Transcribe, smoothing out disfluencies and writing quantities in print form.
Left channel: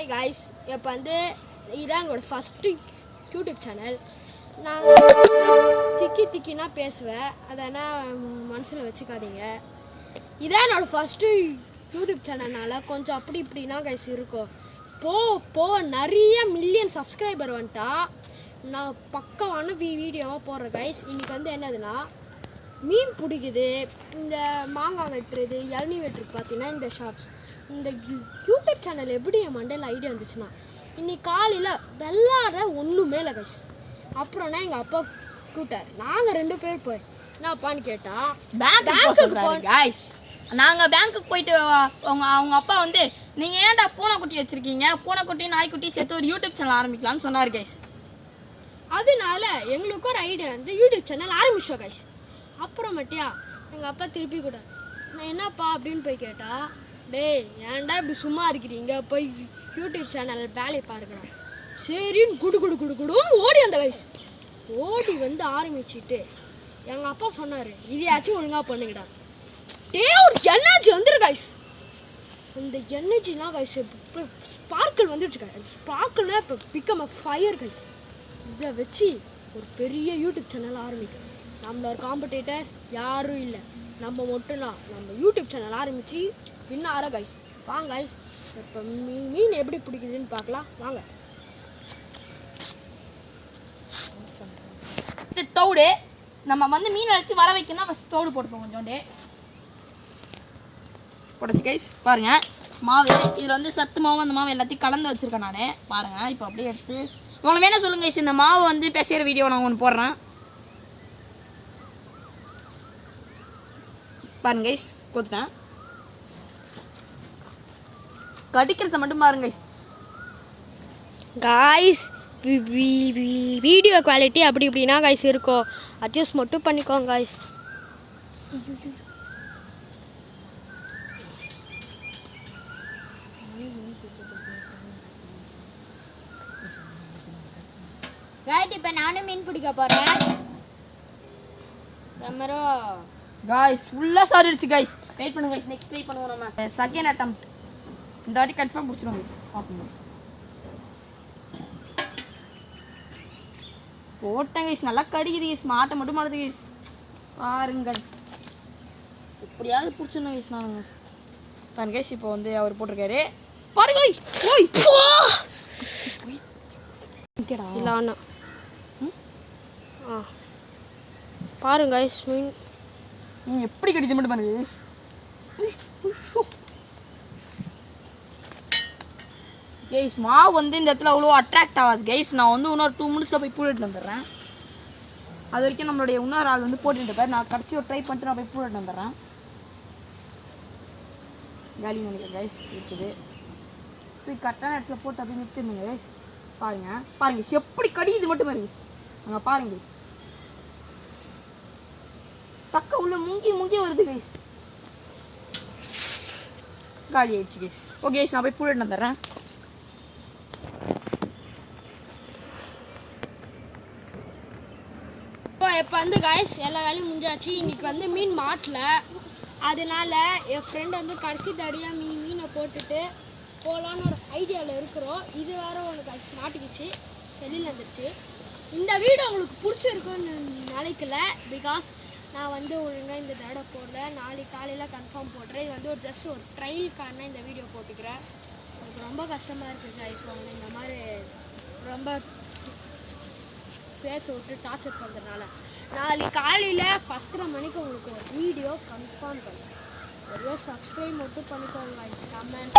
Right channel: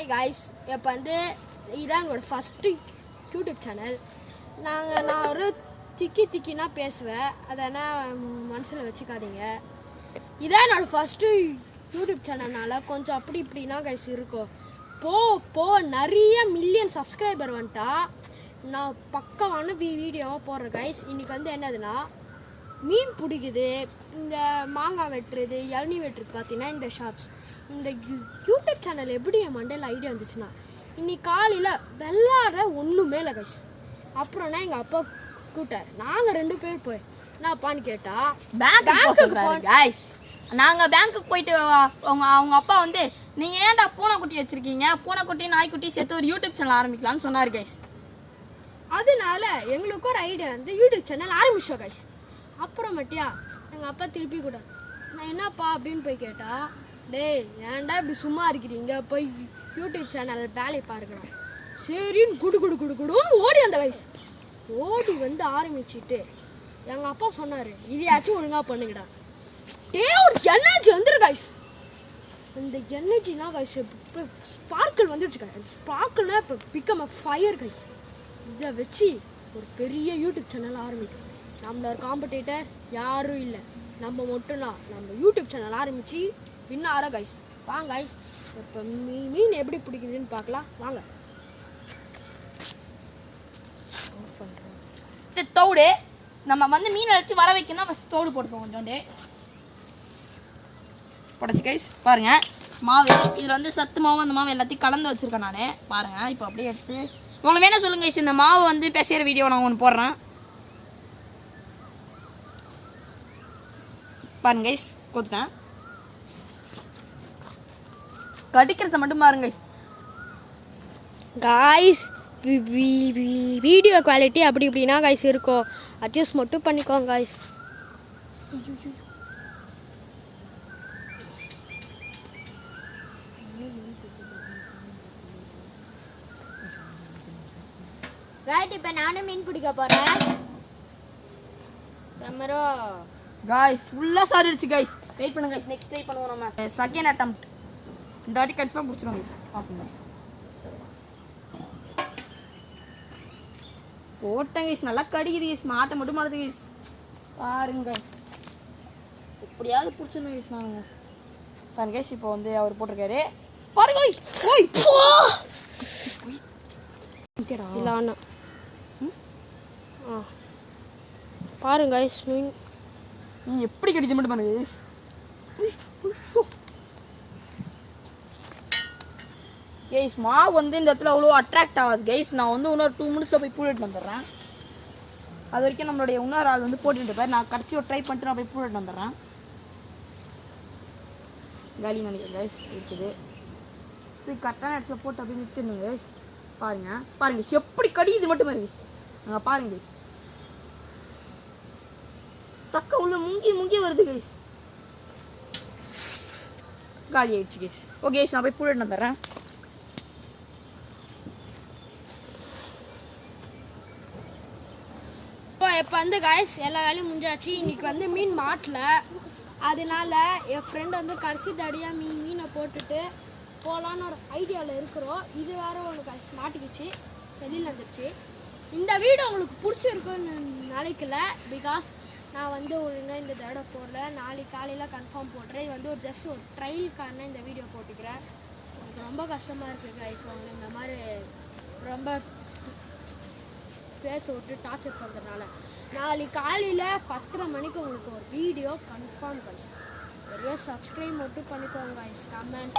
Hi guys, இப்போ வந்து இதான் எங்களோட ஃபஸ்ட்டு யூடியூப் சேனல். நாங்கள் திக்கினா பேசுவேன், அதனால் மனசில் வச்சுக்காதீங்க. இதான் என்னோட ஃபஸ்ட்டு யூடியூப் சேனல்னால கொஞ்சம் அப்படி இப்படின்னா கைஸ் இருக்கும். போ நிறைய மில்லியன் சப்ஸ்கிரைபர் வந்துட்டா நான் பக்கமான வீடியோவாக போடுறேன் கைஸ். இன்றைக்கி வந்து என்னதுன்னா மீன் பிடிக்குது, இந்த மாங்காய் வெட்டுறது, இளநீ வெட்டுறது பார்த்தீங்கன்னா இந்த ஷாப்ஸ். இந்த யூடியூப் சேனல் எப்படி என் மண்டையில் ஐடியா வந்துச்சுன்னா இன்னைக்கு காலையில் வெள்ளாட ஒன்றுமே இல்லை கைஸ். அப்புறம்னா எங்கள் அப்பா கூட்டார், நாங்கள் 2 பேர் போய் என்னப்பான்னு கேட்டால் நாங்கள் பேங்க்குக்கு போயிட்டு அவங்க அப்பா வந்து நீங்கள் ஏன்டா பூனைக்குட்டி வச்சுருக்கீங்க, பூனைக்குட்டி நாய்க்குட்டி சேர்த்து ஒரு யூடியூப் சேனல் ஆரம்பிக்கலான்னு சொன்னார் கைஸ். அதனால எங்களுக்கு ஒரு ஐடியா வந்து யூடியூப் சேனல் ஆரம்பிச்சோம் கைஸ். அப்புறமேட்டியா எங்கள் அப்பா திருப்பி கூட நான் என்னப்பா அப்படின்னு போய் கேட்டால், டேய் ஏன்டா இப்படி சும்மா இருக்கிறீங்க, போய் யூடியூப் சேனல் வேலையை பாருக்கிறேன். சரின்னு குடுன்னு ஓடி அந்த கைஸ். ஓடி வந்து ஆரம்பிச்சுட்டு எங்கள் அப்பா சொன்னார், இதையாச்சும் ஒழுங்காக பண்ணுங்கடா. ஒரு எனர்ஜி வந்துரு கைஸ். அந்த எனர்ஜிலாம் கைஸ் இப்போ ஸ்பார்க்கிள் வந்துடுச்சு கைஸ். ஸ்பார்க்கிள்னா இப்போ பிகம் அ ஃபயர் கைஸ். இதை வச்சு ஒரு பெரிய யூடியூப் சேனல் ஆரம்பிக்கும். நம்மளோட காம்படிட்டர் யாரும் இல்லை, நம்ம மட்டும்தான். நம்ம யூடியூப் சேனல் ஆரம்பித்து வின்னார கைஸ். வாங்க கைஸ், இப்போ மீன் எப்படி பிடிக்குதுன்னு பார்க்கலாம் வாங்க. தோடு நம்ம வந்து மீன் அழைச்சி வர வைக்கணும்னா ஃபஸ்ட் தோடு போட்டுப்போம் கொஞ்சோண்டு போடச்சு கைஸ். பாருங்க மாவு, இதில் வந்து சத்து மாவு அந்த மாவு எல்லாத்தையும் கலந்து வச்சுருக்கேன் நான். பாருங்கள் இப்போ அப்படியே எடுத்து உங்களுக்கு வேணா சொல்லுங்க கைஸ். இந்த மாவு வந்து பேசுகிற வீடியோ நான் ஒன்று போடுறேன் பாருங்க கைஸ். கொடுத்துட்டேன், கடிக்கிறத மட்டும் பாருங்க கைஸ். வீடியோ குவாலிட்டி அப்படி இப்படின்னா கைஸ் இருக்கும், அட்ஜஸ்ட் மட்டும் பண்ணிக்கோங்க கைஸ். இப்போ நானும் மீன் பிடிக்க போகிறேன். கைஸ் ஃபுல்லாக சாரிடுச்சு கைஸ். வெயிட் பண்ணுங்க கைஸ், நெக்ஸ்ட் ட்ரை பண்ணுவோம் நம்ம. செகண்ட் அட்டெம்ப்ட் இந்த வாட்டி கன்ஃபார்ம் பிடிச்சிடும் கைஸ். பார்ப்போம் கைஸ். போட்டேன் கைஸ், நல்லா கடிக்குது கைஸ். மாட்டை மட்டும் மாட்டுது கைஸ். பாருங்க எப்படியாவது பிடிச்சிடணும் கைஸ். நாங்கள் பாருங்க கைஸ். இப்போ வந்து அவர் போட்டிருக்காரு பாருங்க. இல்லைண்ணா பாருங்க கைஸ், மீன் எப்படி கடிச்சு மட்டும் பாருங்க கைஸ். கைஸ் மாவு வந்து இந்த இடத்துல அவ்வளோ அட்ராக்ட் ஆகாது கைஸ். நான் வந்து இன்னொரு 2 மினிட்ஸில் போய் பூடிட்டு வந்துடுறேன். அது வரைக்கும் நம்மளுடைய இன்னொரு ஆள் வந்து போட்டுட்டு இருப்பார். நான் கடைசி ஒரு ட்ரை பண்ணிட்டு நான் போய் பூடிட்டு வந்துடுறேன். காலி நினைக்கிறேன் கைஸ். இருக்குது போய் கரெக்டான இடத்துல போட்டு அப்படியே நிறுத்திருந்தேங்க கைஸ். பாருங்க எப்படி கடிக்குது மட்டும் பாருங்க கைஸ். நாங்கள் பாருங்க கைஸ், தக்க உள்ள முங்கி வருது கைஸ். காலி ஆயிடுச்சு கைஸ். ஓகே கைஸ், நான் போய் பூடிட்டு வந்துடுறேன். இப்போ வந்து கைஸ் எல்லா வேலையும் முடிஞ்சாச்சு. இன்றைக்கி வந்து மீன் மாட்டல, அதனால என் ஃப்ரெண்ட் வந்து கடைசி தடியாக மீனை போட்டுட்டு போகலான்னு ஒரு ஐடியாவில் இருக்கிறோம். இது வேறு ஒன்று கைஸ் மாட்டிக்கிச்சு, வெளியில் வந்துடுச்சு. இந்த வீடியோ உங்களுக்கு பிடிச்சிருக்குன்னு நினைக்கல, பிகாஸ் நான் வந்து ஒழுங்காக இந்த தடவை போடல. நாளைக்கு காலையில் கன்ஃபார்ம் போடுறேன். இது வந்து ஜஸ்ட் ஒரு ட்ரையலுக்கான இந்த வீடியோ போட்டுக்கிறேன். எனக்கு ரொம்ப கஷ்டமாக இருக்குது கைஸ். இந்த மாதிரி ரொம்ப பேச விட்டு டார்ச்சர் பண்ணுறதுனால நாளைக்கு காலையில் 10:30 மணிக்கு உங்களுக்கு ஒரு வீடியோ கன்ஃபார்ம் கைஸ். ஒருவே சப்ஸ்கிரைப் மட்டும் பண்ணிக்கோங்க கைஸ். கமெண்ட்